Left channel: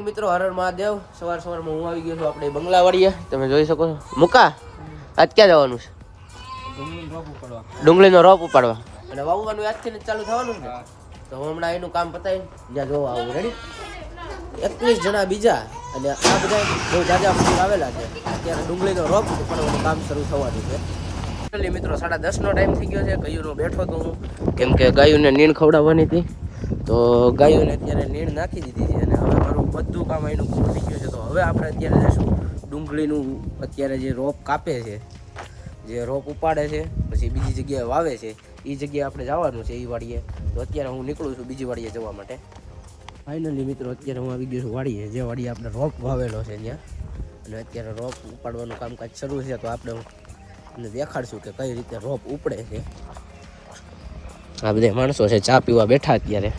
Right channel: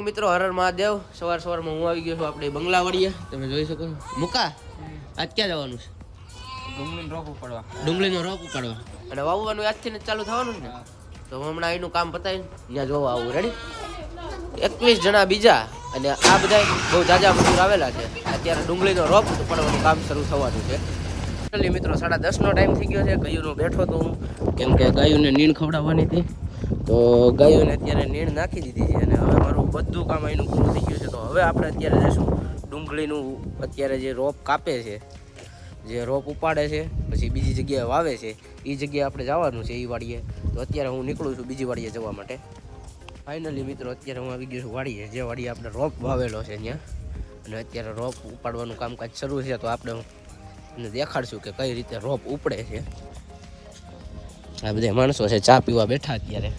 મિત્રો હરર મહાદેવ. સવાર સવારમાં હું આવી ગયો છું આપણે બંગલાવાડીએ. તમે જોઈ શકો છો. મુકા આજ ક્યાં જવાનું છે? ડુંગળીનો રોપ ઉપાડવા. અને વાવવાનું આજથી જ ચાલુ થવાનું છે ને? તો હું હમણાં એનું કામ પતાવી ત્યાં જોવા આવું. રેડી એકવીસ જણા બીજા અને આ બધા બહુ જાજા મજૂર આવેલા છે. અત્યારે ડુંગળીનો રોપ ઉપાડવાનું કામ શરૂ થવાનું છે. મિત્રો સાડા દસનો ટાઈમ થઈ ગયો છે. ગાયુંનો બેઠો તો હું. કેમ કે ગાયુંને નીણ ખવડાવવાની હતી. તો ગાયોને અત્યારે નીણ નાખી દીધી છે અને હવે મારું બધું કામ એનું પૂરું થઈ ગયું છે. તો હવે આપણે અત્યારે જઈશું ડુંગળીનું અત્યારે જે રોપ કાપે છે, જે રોપ ઉપાડે છે, પછી બીજી જગ્યાએ વાવે છે એ જગ્યાએ આપણે જવાનું છે એ વાડીએ. તો અત્યારે હું નીકળું છું બીજી વાડીએ જવા માટે. ફાઇનલી મિત્રો, અત્યારે હું આવી ગયો છું વાડીએ. જે વાડીએ આપણે રોપ વાવેલો છે ત્યાં. અને અત્યારે રોપ ઉપાડવાનું કામકાજ શરૂ છે, તો આપણે તમને દેખાડશું કે કઈ રીતે રોપ ઉપડે છે. આ બધા માણસો છે, ચા પીવા બેઠા અત્યારે.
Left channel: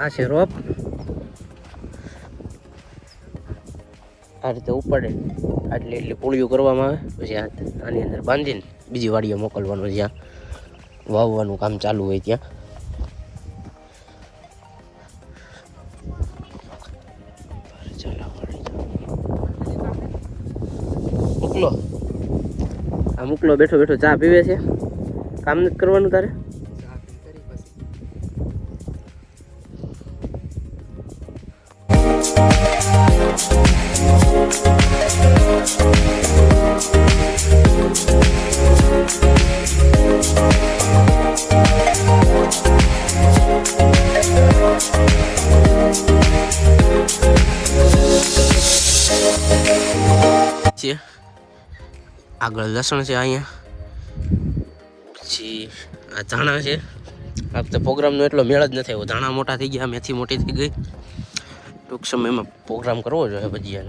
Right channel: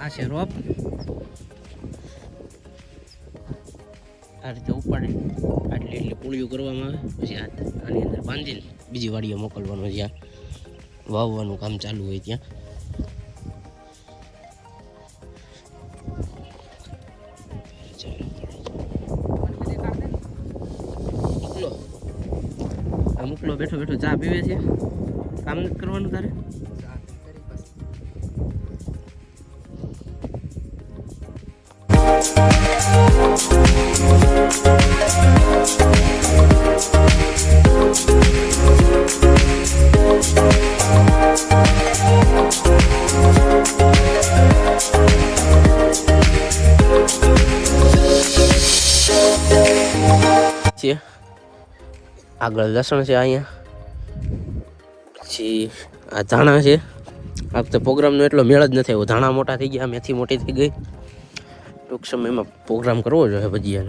આ છે રોપ આ રીતે ઉપડે. આટલી એટલી પૂળીઓ કરવામાં આવે, પછી આની અંદર બાંધીને બીજી વાડીએ મોકલવાનું જ્યાં વાવવાનું કામ ચાલુ હોય ત્યાં. મોકલો. આ મોકલો, બેઠો બેઠો ચા પીવે છે. કામ નથી કરવાનું તારે? આગળ લસણ છે અહીંયા. પછી આ ધાણા છે. આ વખતે પ્રોગ્રામનો એટલો મેળ જ નથી આવ્યો. ધાણા મોટા થઈ ગયા, મેથી મોટી થઈ ગઈ. ટૂંક સમયમાં પ્રોગ્રામ કરવો જોઈએ બધી એમ.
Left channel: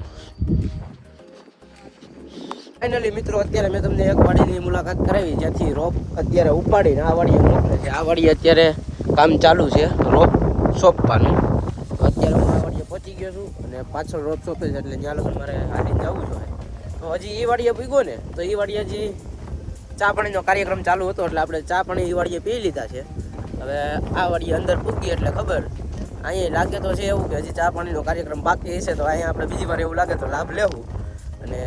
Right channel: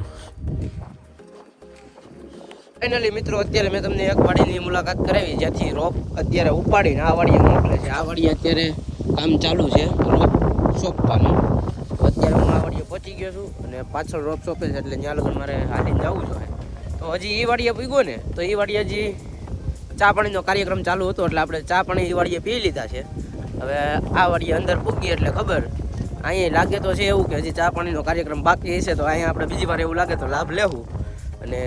ફાઇનલી મિત્રો, અત્યારે મેં તમને એક વાડીની મુલાકાત કરાવી, જ્યાંથી રોપ અત્યારે ઉપાડીને આ વાડીએ મોકલે છે. આ વાડીએ અત્યારે કામ ચાલુ છે, રોપ સોંપવાનું. અત્યારે હું આ વાડીએ પહોંચી ગયો છું અને પાછળ રોપ સોંપે છે, એટલે ત્યાં લગી મારે હાલીને જવું જોઈએ તો હજી એ વાડીએ પૂગ્યો ને, તો એ વાડીએ હજી ચા પાણીનો કાર્યક્રમ ચાલુ હતો, એટલે આપણે ચા પાણી એ વાડીએ પી લીધા છે. હવે આ વાડીએ અંદર પૂગીએ એટલે ખબર. અહીંયા લાગે તો છે એવું કે હજી ચા પાણીનો કાર્યક્રમ બાકી હશે, તો અહીંયા આપણે બીજી વાર એવું લાગે તો લાભ લેવું. અને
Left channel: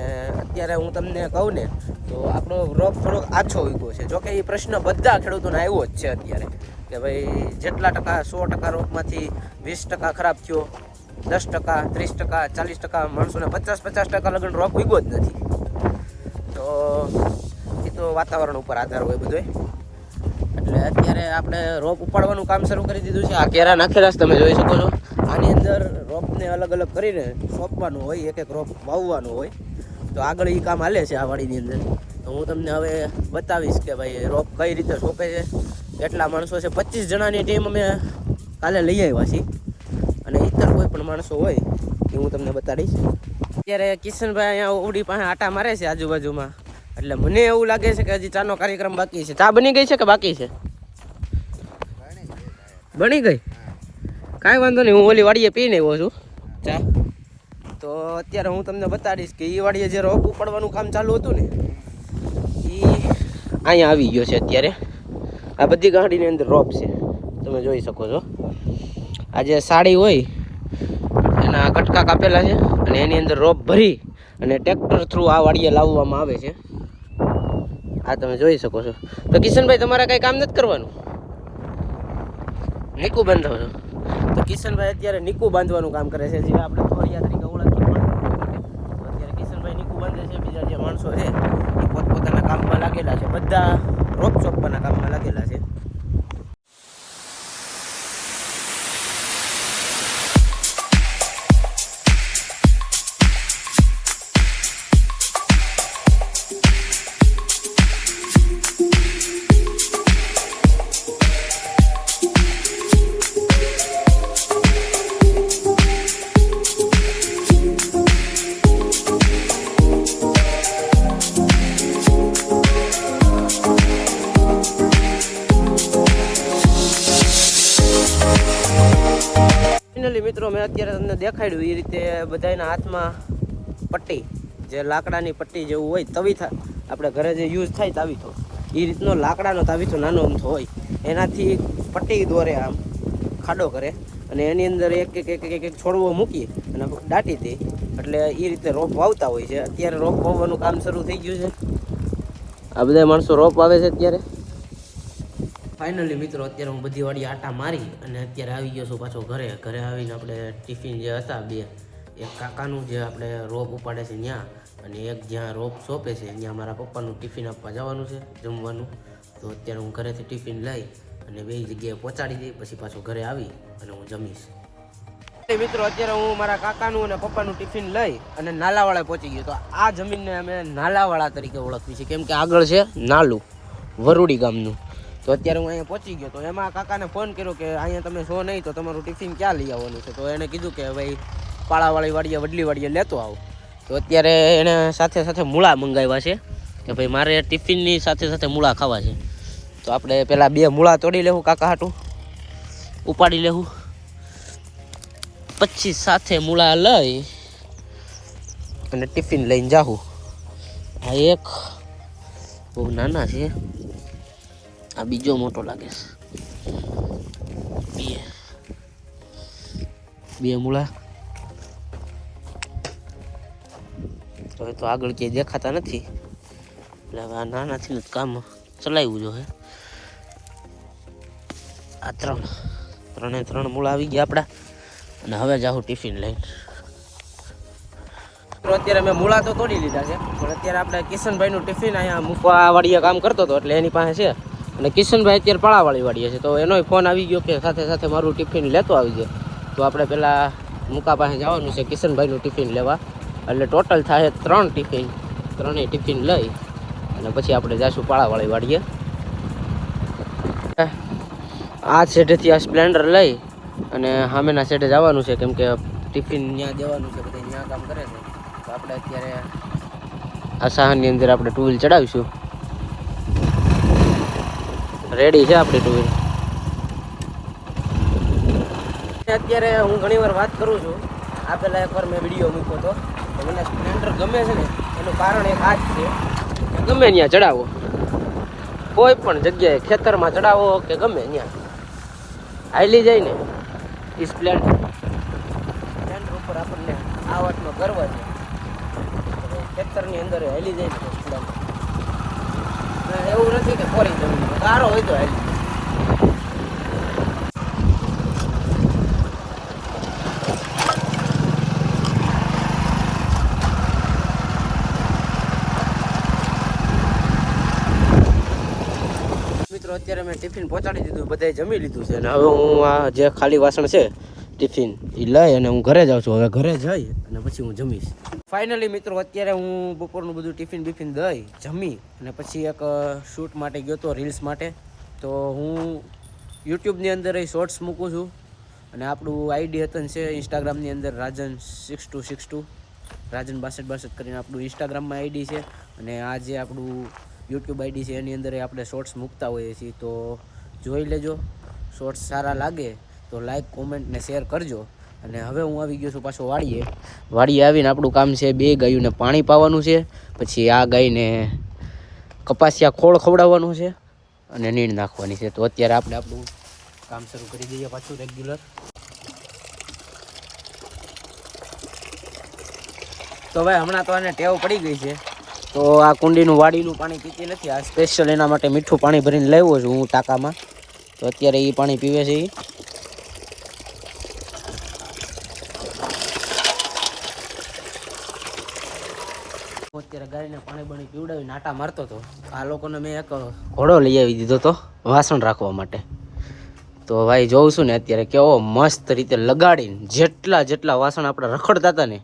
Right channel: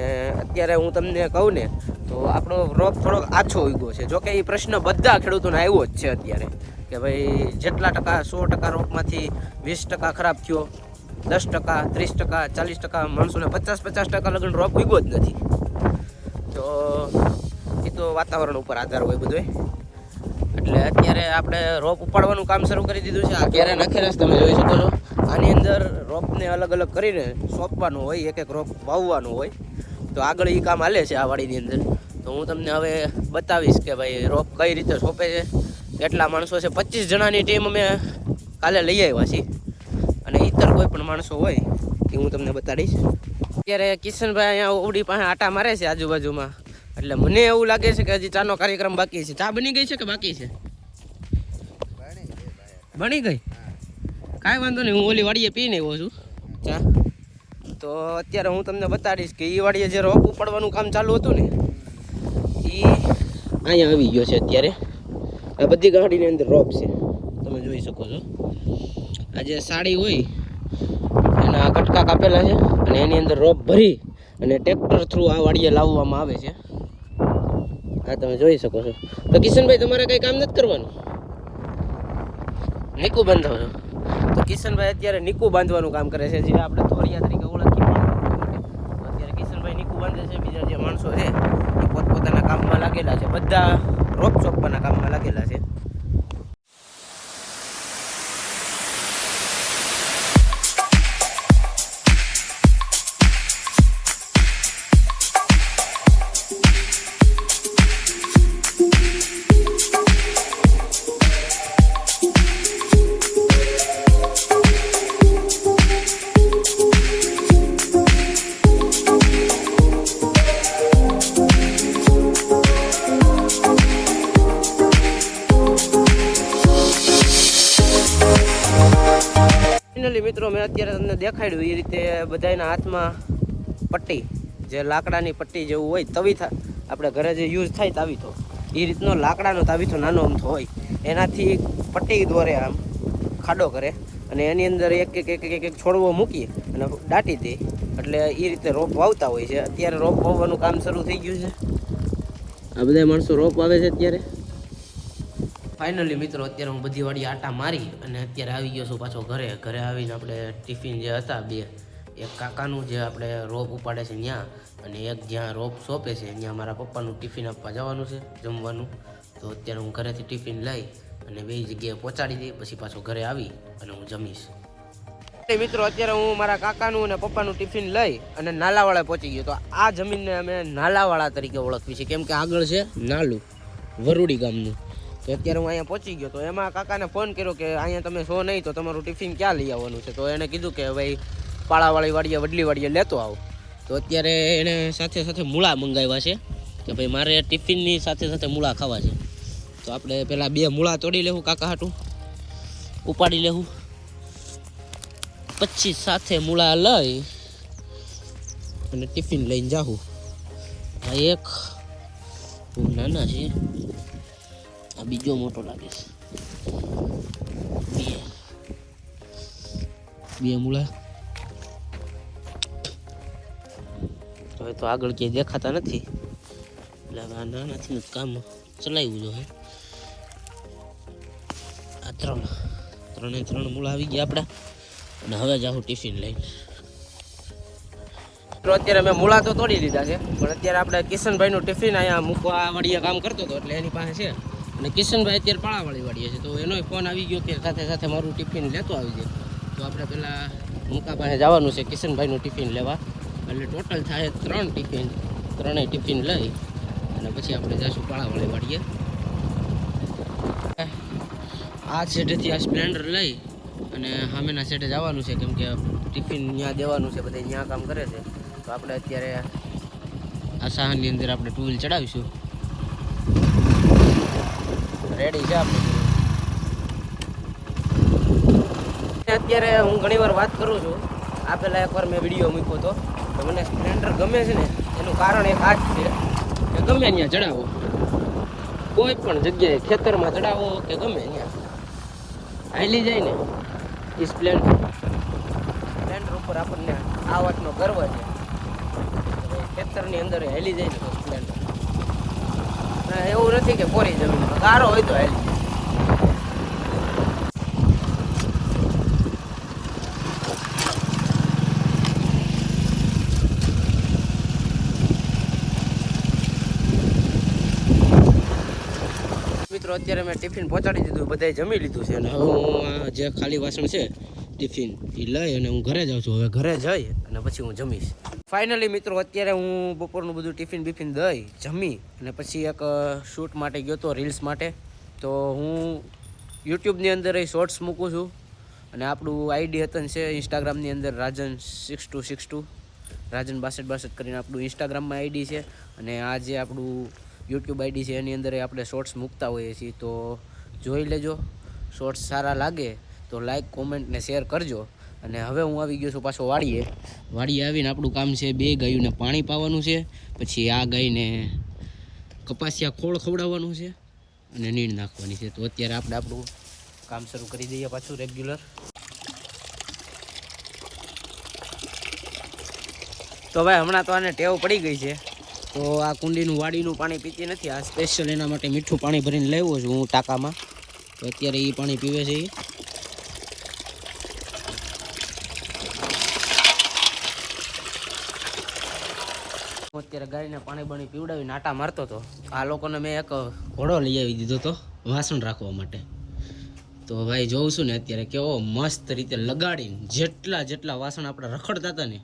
અત્યારે હું તમને કહું ને, તો આપણો રોગ થોડોક આછો ઉગ્યો છે. જોકે એ પ્રશ્ન બધા ખેડૂતોને આવ્યો જ છે અત્યારે. કે ભાઈ જેટલા ટકા સો ટકા રોગમાંથી વીસ ટકા ખરાબ થયો દસ ટકા, ત્રીસ ટકા, ચાલીસ ટકા, માણસોને પચાસ પચાસ ટકા લગ્ન રોપ ઉગ્યો જ નથી. તો એ તો વાતાવરણ ઉપર આધાર હોય બધોય. એટલે અત્યારે આપણે રોપ ઉપાડવાનું કામ શરૂ કરી દીધું છે. આ કેરા નાખેલા તમે જોઈ શકો છો. આની અંદર રોપને અલગ અલગ કરીને સોંપવાનું હોય, એક એક રોપ વાવવાનું હોય. તો આગળ એ કામ હાલે છે આ વાડીની અંદર. તો હું તમને હવે બતાવીશ કે ભાઈ રોપ કઈ રીતે સોંપે છે. કેટલા માણસો છે? પચીસ જણાની ટીમ અમે કાલે લઈ આવ્યા છીએ. અને કોઈ પણ માણસો હોય, એ હું તમને બતાડીશ. અત્યારે કિશનભાઈ અહીંયા ઓવડી પાસે આટા મારે છે આજુબાજુમાં. એટલે મને એવું લાગે છે કે હજી ચાનો કાર્યક્રમ બાકી છે. ચા બની ગઈ છે કે બાકી છે? બની ગઈ? કાંઈ વાંધો નહીં, હું ઓલી વાડીએ પીને આવ્યો છું ચા. તો અત્યારે હું તમને બતાડીશ કે એ વાડીએ જે રોપ ઉપાડવાનું કામ ચાલુ હતું ને એ અહીંયા આવી ગયો છે અત્યારે. આ બધી ગાડીની અંદર રોપ છે. તમે જોઈ શકો છો. આ જે સાડી હોય એના કટકા કાપેલા છે અને એની અંદર રોપ ભરી અને ટ્રેક્ટર થ્રુ આ વાડીએ લાવવામાં આવે છે. આ તમે જોઈ શકો છો. તો કિશનભાઈ, તમારે કંઈ કામ નથી કરવાનું? નીકુ બાંધો છો. તો કિશનભાઈ અત્યારે નીકુ બાંધવાનું કામ કરે છે. જે આપણે થોરિયા તરીકે ઓળખીએ અત્યારે કિશનભાઈ નીકુ બાંધે છે. બીજા જે માણસો છે, એ પોતપોતાના કામમાં લાગેલા છે. બધા રોપ ચોપવાના કામમાં લાગેલા છે. ફાઇનલી મિત્રો, મેં અત્યારે તમને દેખાડ્યું એ રીતે બધાના હાથમાં પટ્ટી, જે લાકડાની પટ્ટી જેવું હોય તવી થા આપણે ઘરે જે યુઝ થાય તાવીથો, એ રીતનો લાકડાનો તાવીથો નાનો અમથો હોય. એનાથી પટ્ટી દોરે આમ, ખાડો કરે, અને એની અંદર એક એક એક એક એક છોડવો મૂકી અને દાટી દે. એટલે એ રીતે રોપ વાવતા હોય છે. અત્યારે રોપ વાવવાનું કામ શરૂ થઈ ગયું છે. આ બધા માણસો રોપ વાવે છે અત્યારે? ફાઇનલી મિત્રો, અત્યારે હું બધી વાળી આટા મારી અને અત્યારે આવી ગયો છું પાછો ઘરે. ઘરે આવીને આપણે ટિફિન જે હતા બે, એક કાકાનું જે આપણે રોપ ઉપાડે છે ત્યાં અને એક જ્યાં રોપ સોંપે છે, ત્યાં મારા પપ્પાનું ટિફિન આપવા જવાનું છે, જમવાનું. તો અત્યારે હું ઘરેથી ટિફિન લઈ અને બે જગ્યાએ પહોંચાડી દઈ, પછી પાછો ઘરે આવી અને હું જમીશ. મિત્રો, અત્યારે હું મારા કાકાનું અને પપ્પાનું ટિફિન લઈ અને નાલાવાળા પહોંચી ગયો. તો આ જમીનને અમે નાલાવાળા તરીકે ઓળખવી છે કેમ કે આગળ છે નાલું, વરુડી ગામનું. તો અત્યારે હું અહીંયા પહોંચી ગયો. તો એમાં કાકાને ફોન કર્યો કે અહીંયા તમે શો નહીં, તો તમારું ટિફિન ક્યાં લઈ આવવાનું છે? તો એણે કીધું કે ભાઈ, પાળાવાળી વાડીએ વડલી વાડીએ લેતો આવો. તો અત્યારે એણે સાથે સાથે મૂળા મંગાવ્યા છે. કે ભાઈ, મારે ટિફિનની સાથે સાથે મૂળા ખાવા છે. તો આપણે પહેલાં બે મૂળા તોડી લેવું કાકા હાટું. ઉપાડી લેવું. પછી સાથે મૂળા લઈ અને ટિફિન લઈને જાઉં આ એક બહુ નાના છે. આ બીજો મોટો લાગે છે. બે. બે મૂળા. હવે તો આગળ ક્યાંય દેખાતા નથી. એટલે હવે આ નાનાથી જ કામ ચલાવ્યું જો હે આ ત્રણ. ત્રણે ત્રણ મૂળા આવી ગયા આપણા અને હવે જાઉં ટિફિન લઈને. મિત્રો અત્યારે મેં મૂળા તો તોડી લીધા છે. પણ અત્યારે આપણે કિશનભાઈનું ટિફિન અહીંયા મૂકવા વાળી કામ કરતો હતો એટલે એની પાસે છે. અને કિશનભાઈ અત્યારે પાળાવાળી વાળીએ છે તો એનોય ફોન આવી ગયો કે સાથે સાથે મારું ટિફિન લેતો આવી જાય. તો આપણે પહેલાં મુકા પાસે જવાનું છે કિશનભાઈનું ટિફિન લેવા. એટલે ટોટલ થાય ત્રણ ટિફિન ત્રણેય ટિફિન લઈ અને પછી આપણે જઈશું પાળાવાળી વાળીએ આ સેટેથી આ સ્પ્લેન્ડર લઈ અને સામેના સેટે જવાનું છે કેમ કે ટિફિન ત્યાં દેવાનું છે બધા ત્યાં કામ કરે છે. તો આપણે અત્યારે આ સાહનની અંદર આપણે ટુ વ્હીલ ચડાવીશું. રેડી છે આપણી ટુ અત્યારે હું ઘણી વાર વાત કરું છું. આ પહેલાં એકવાર મેં વીડિયો મૂક્યો હતો. તો મને સ્પ્લેન્ડર ગમે છે ને, એનું કારણ એક આ જ છે કે ગમે ત્યાં ચડાવો. કોઈ પણ જગ્યાએ ખેતરમાં ચડાવો કે ગમે ત્યાં. હાલી જાય ને એ સ્પ્લેન્ડર સ્પ્લેન્ડર ઉપર આપણને આ વાતનો ગર્વ છે. ખેતરની અંદર હાલી જાય ને સ્પ્લેન્ડર એવું નથી કે કોરી જમીન સારો હોય તો હેલી. મિત્રો, અત્યારે મેં ટિફિન પહોંચાડી દીધું, બધાએ જમી લીધું છે. અને હવે હું આ જે ખાલી વાસણ છે ટિફિન. એ લઈ અને હું ઘરે જાઉં છું. હવે ઘરે જઈ અને પછી હું જમીશ. ફાઇનલી મિત્રો, અત્યારે હું બપોરનું બધું ટિફિન બિફિન દઈ, જમી અને પછી એક શૂટ માટે ગયો હતો રીલ્સ માટે. તો હું યુટ્યુબની અંદર એ શોર્ટ્સ મૂકું છું અને આપણું આઈડી હતન છે ઇન્સ્ટાગ્રામની અંદર Rajan six two six two Rajan બાસઠ બાસઠ કરીને આપણું ઇન્સ્ટાગ્રામમાં આઈડી છે અને આ જે આપણું યુટ્યુબ આઈડી છે એની અંદર આપણે શોર્ટ્સ મૂકતા હોઈએ છીએ. તો જોઈ લેજો. શોર્ટ્સ સારા લાગે તો લાઈક કોમેન્ટ ને શેર કરજો. અને હવે હું આવી ગયો છું પાછો વાડીએ. વાડીએ આવીને આપણું કામ છે બે ગાયોને પાણી પાવાનું છે, પછી આ ગાયને કપાસિયા ખોળ ખવડાવવાનું છે અને નીણ નાખવાની છે. તો અત્યારે આપણે આપણું કામ શરૂ કરી દઈએ પાછું રેગ્યુલર તો ભાઈ, હમણાં તો એને ટેવ પડી ગઈ છે. તો આ કુંડીનું વાડીનું પાણી પીતી નથી. આ સ્પેશિયલ એના માટે મીઠું પાણી ભરીને લાવ્યો છું હું ટાંકામાં. તો અત્યારે એ પાણી પીવે છે એ ગાયને પાણી બાણી પીવડાવીને આટા મારતો હતો આ લોકોને મેં એક ઘોડો લઈ આવી દીધો હતો વાસણ રાખવા માટે. તો ભાઈ જોઉં છું ને અત્યારે કેવો મસ્ત રીતે લગાડીને જેટલા જેટલા વાસણ આપણે રખડતા હતા ને,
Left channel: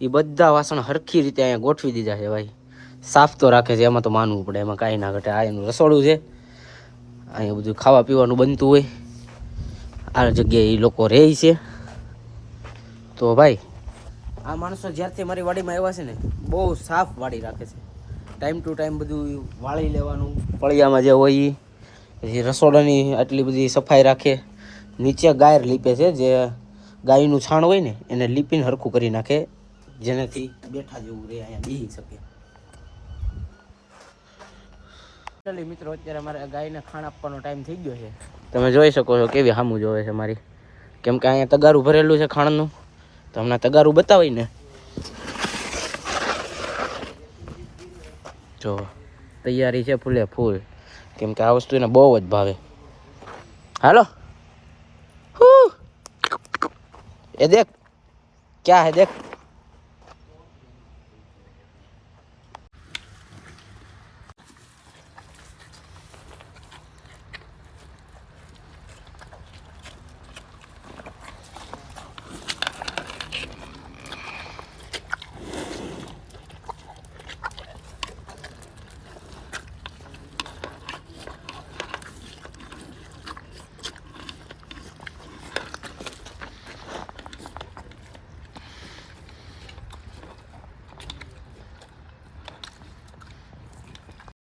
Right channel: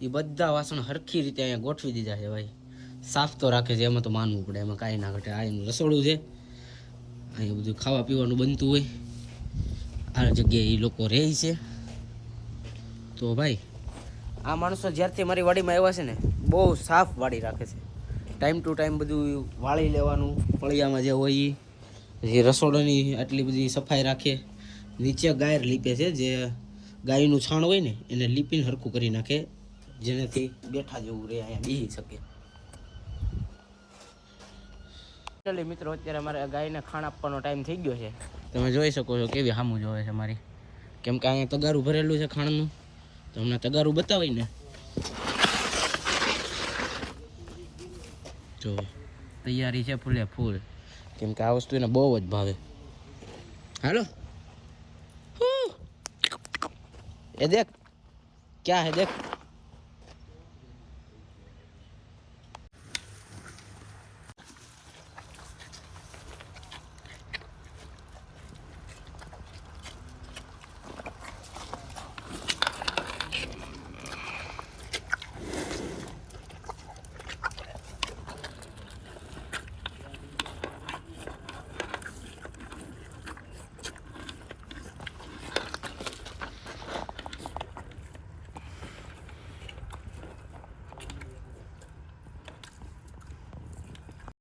એ બધા વાસણ હરખી રીતે અહીંયા ગોઠવી દીધા છે ભાઈ. સાફ તો રાખે છે, એમાં તો માનવું પડે, એમાં કાંઈ ના ઘટે. આ એનું રસોડું છે. અહીંયા બધું ખાવા પીવાનું બનતું હોય. આ જગ્યાએ એ લોકો રહે છે. તો ભાઈ આ માણસો જ્યારથી મારી વાડીમાં આવ્યા છે ને, બહુ સાફ વાડી રાખે છે. ટાઈમ ટુ ટાઈમ બધું વાળી લેવાનું પળિયામાં જે હોય એ પછી રસોડાની આટલી બધી સફાઈ રાખે. નીચે ગાયર લીપે છે, જે ગાયનું છાણ હોય ને, એને લીપીને હરખું કરી નાખે, જેનાથી બેઠા જેવું રહે અહીંયા બેસી શકે. મિત્રો, અત્યારે અમારે ગાયને ખાણ આપવાનો ટાઈમ થઈ ગયો છે. તમે જોઈ શકો છો કેવી હામું જોવે છે મારી. કેમ કે અહીંયા તગારું ભરેલું છે ખાણનું. તો હમણાં તગારું બતાવી ને. જો, તૈયારી છે ફૂલે ફૂલ. કેમ કે આ વસ્તુ એને બહુ જ ભાવે. હાલો. એ દેખ. ક્યાં હે? દેખ.